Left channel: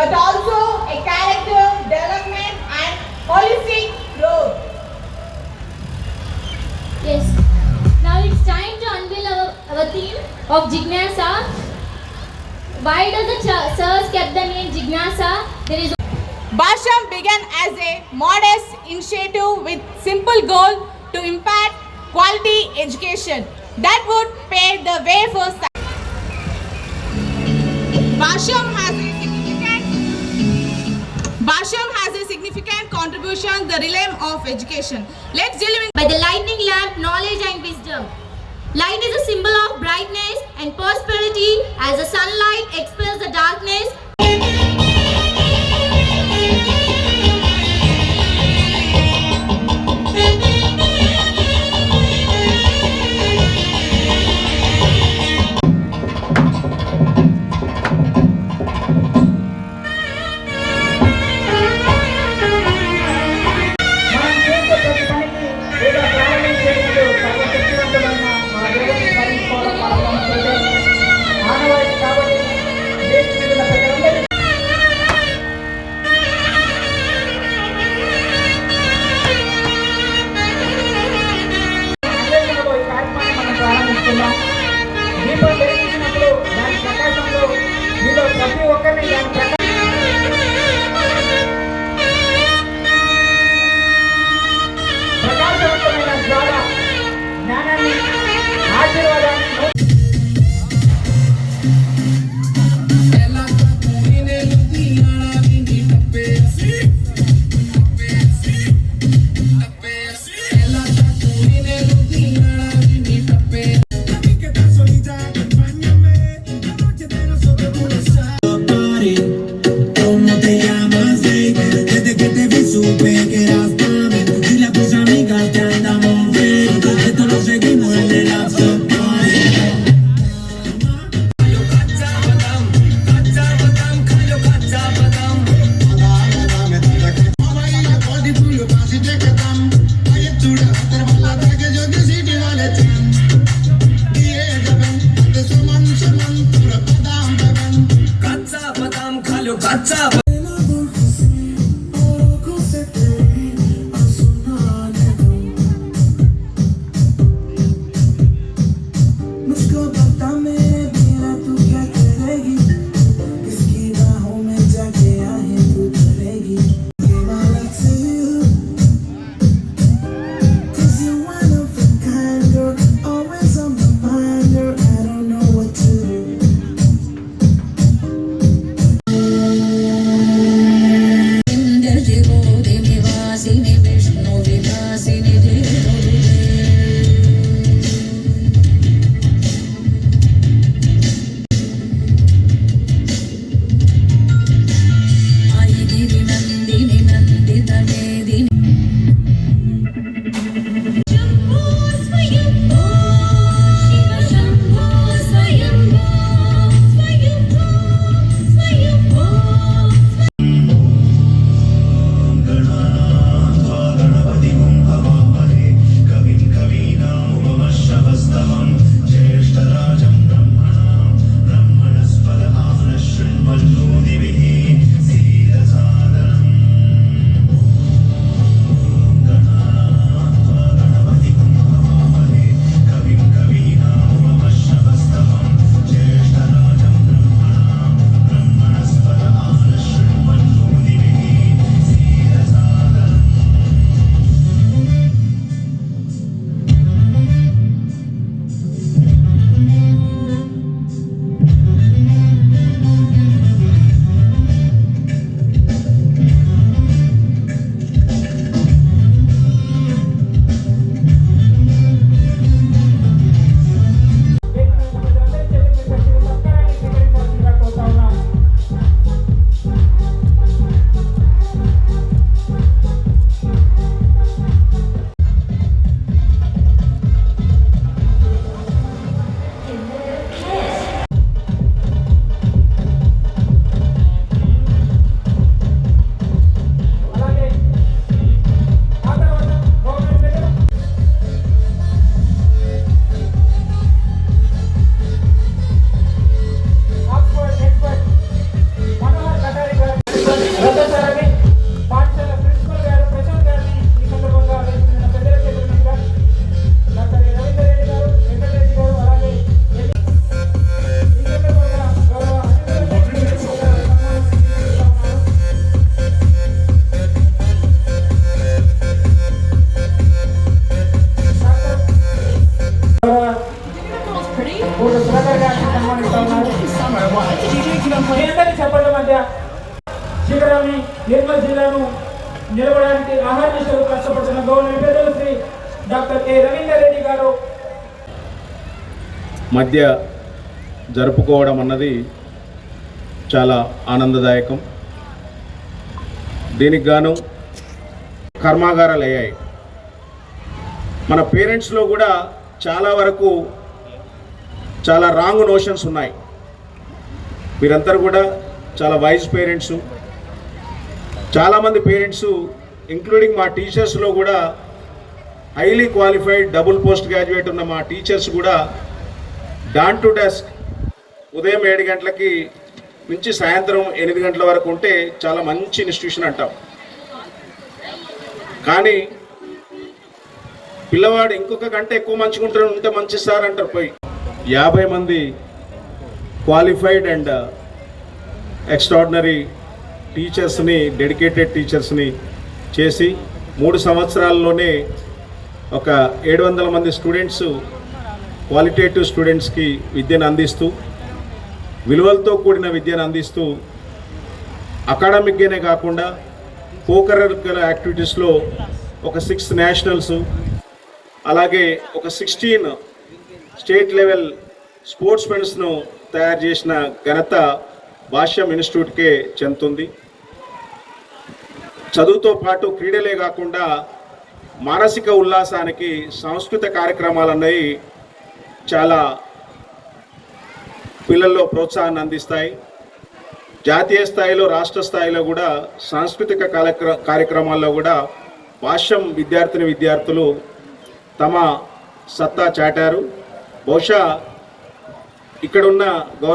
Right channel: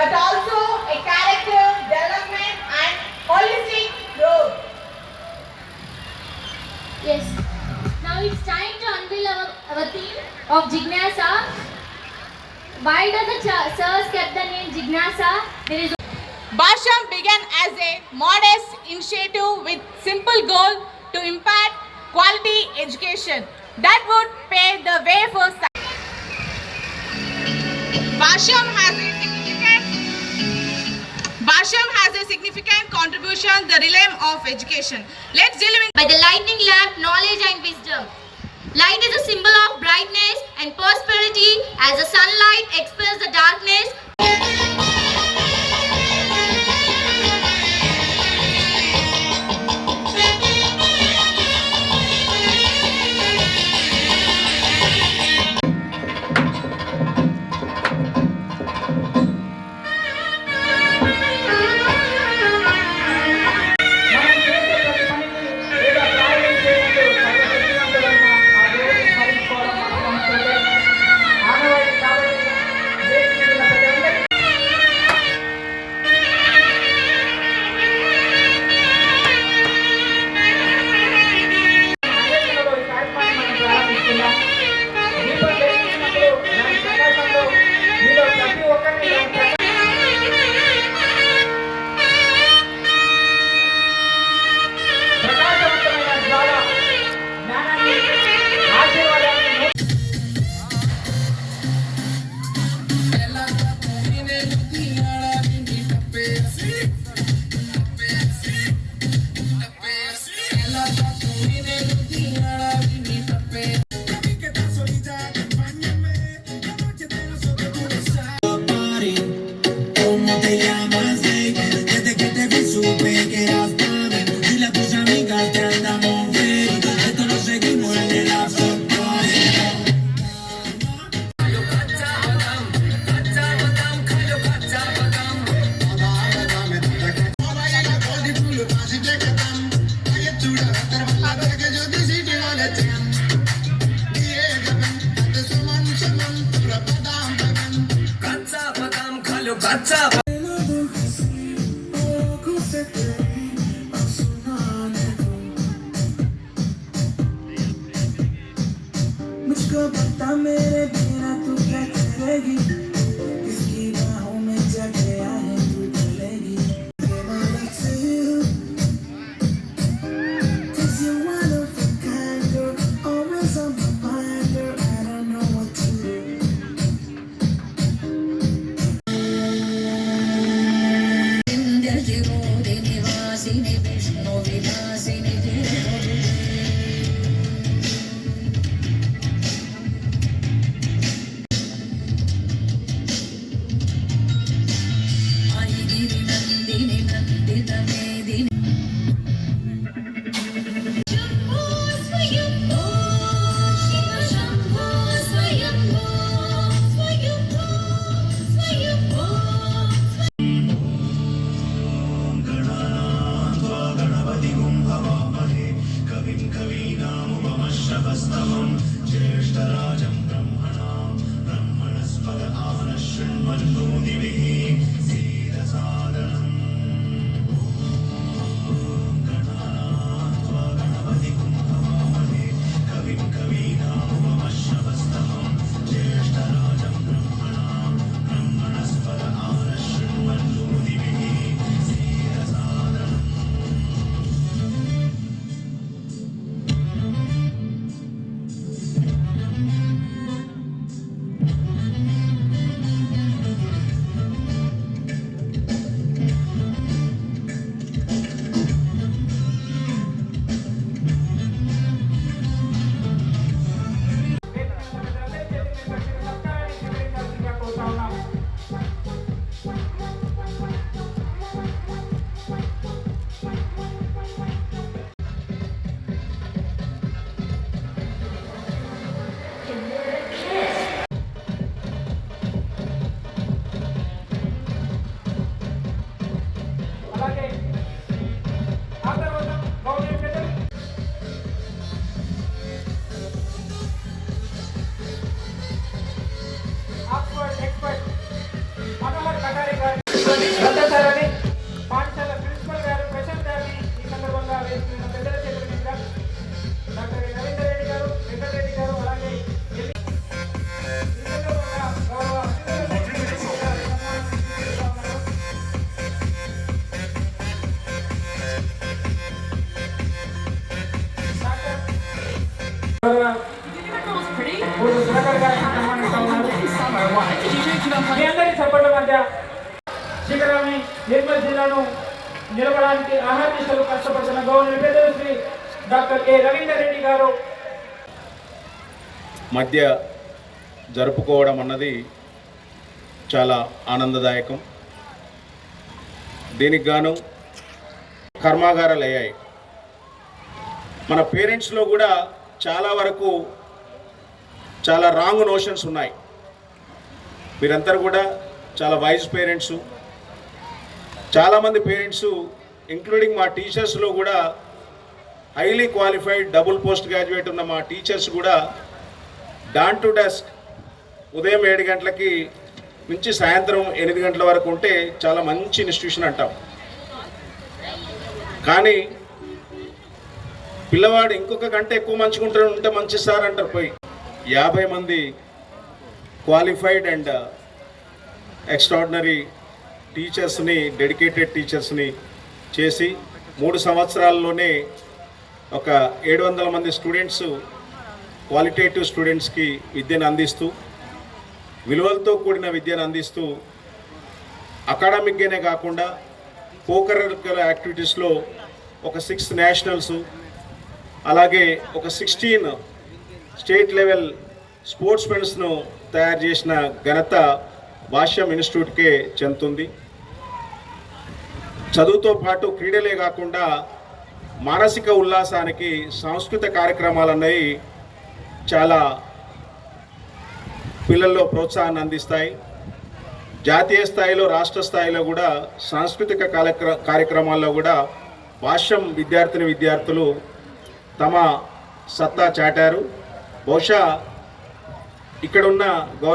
but also a character development and holistic growth. Yes. Now it's time to unveil our theme of Jignasa. Why does the sirs kept the name Jignasa? There is Basham began as a modest initiative with simple goal to impact quality education that would pave the way for Basham has a significant contribution to the realm of education. Let's deliver by the lightning lamp, knowledge and wisdom. Light is a symbol of brightness and prosperity. As the sunlight expels the darkness, చక్కని చప్పట్ల మధ్య శిఖరాన్ని నిర్మల్ జిల్లాను నిలవడానికి అహర్నిశలు కష్టపడుతున్న గౌరవ పెద్దలు శ్రీ డాక్టర్ కె రవీందర్ రెడ్డి గారు మధ్య జరుపుకోవడం అన్నది చాలా ఆనందదాయకం. దీనికి గాను కర్మాగారాలు అయ్యాయి. మన పేరెంట్స్లో కూడా చాలా వరకు చాలా రాంగ్ నోషన్స్ ఉన్నాయి. మీరందరూ కూడా చాలా వైజ్ పేరెంట్సు. చాలామంది పేరెంట్స్ ఇంక్లూడింగ్ మా టీచర్స్లో కూడా highly qualified double post graduate ఉన్న మా టీచర్స్ కూడా డాన్ టు డస్క్ ఉదయం 7 గంటలకి నుంచి సాయంత్రం 8 గంటల వరకు ఉంటే చాలా మంచి ఇన్స్టిట్యూషన్ అంటాం. కానీ పిల్లవాడు ఇంకొక గంట ఎక్కువ మంచిగా ఉంటే మంచి సార్ అంటారు. పోయి 50 మంది క్వాలిఫైడ్ అండ్ ఎక్స్ట్రాడినరీ టీచర్స్ని, డెడికేటెడ్ టీచర్స్ని చేసి 3 సంవత్సరాల్లోనే ఒక 700 మంది స్టూడెంట్స్, క్వాలిటేటివ్ స్టూడెంట్స్కి విద్యను అందిస్తూ, విలువలతో కూడిన విద్యను అందిస్తూ, అకాడమిక్గానే కాకుండా కోకరిక్యులర్ యాక్టివిటీస్లో ఒక 6 నేషనల్స్, అలాగే ఒక 16 స్టేట్ లెవెల్ స్పోర్ట్స్ మెన్స్ను తయారు చేసిన ఘనత భాష్యం ఇన్స్టిట్యూట్కే చెందుతుంది. చదువుతో పాటు క్రీడలే కాకుండా మానసిక ఉల్లాసానికి సాంస్కృతిక కార్యక్రమాలు అన్నవి చాలా పిల్లల్లో ప్రోత్సాహాన్ని అందిస్తాయి. జాతీయ స్థాయిలో, రాష్ట్ర స్థాయిలో కూడా సాంస్కృతిక కార్యక్రమాల్లో కూడా భాష్యం విద్యార్థులు తమ సత్తా చాటారు. బహుశా ఇక్కడున్న గౌరవ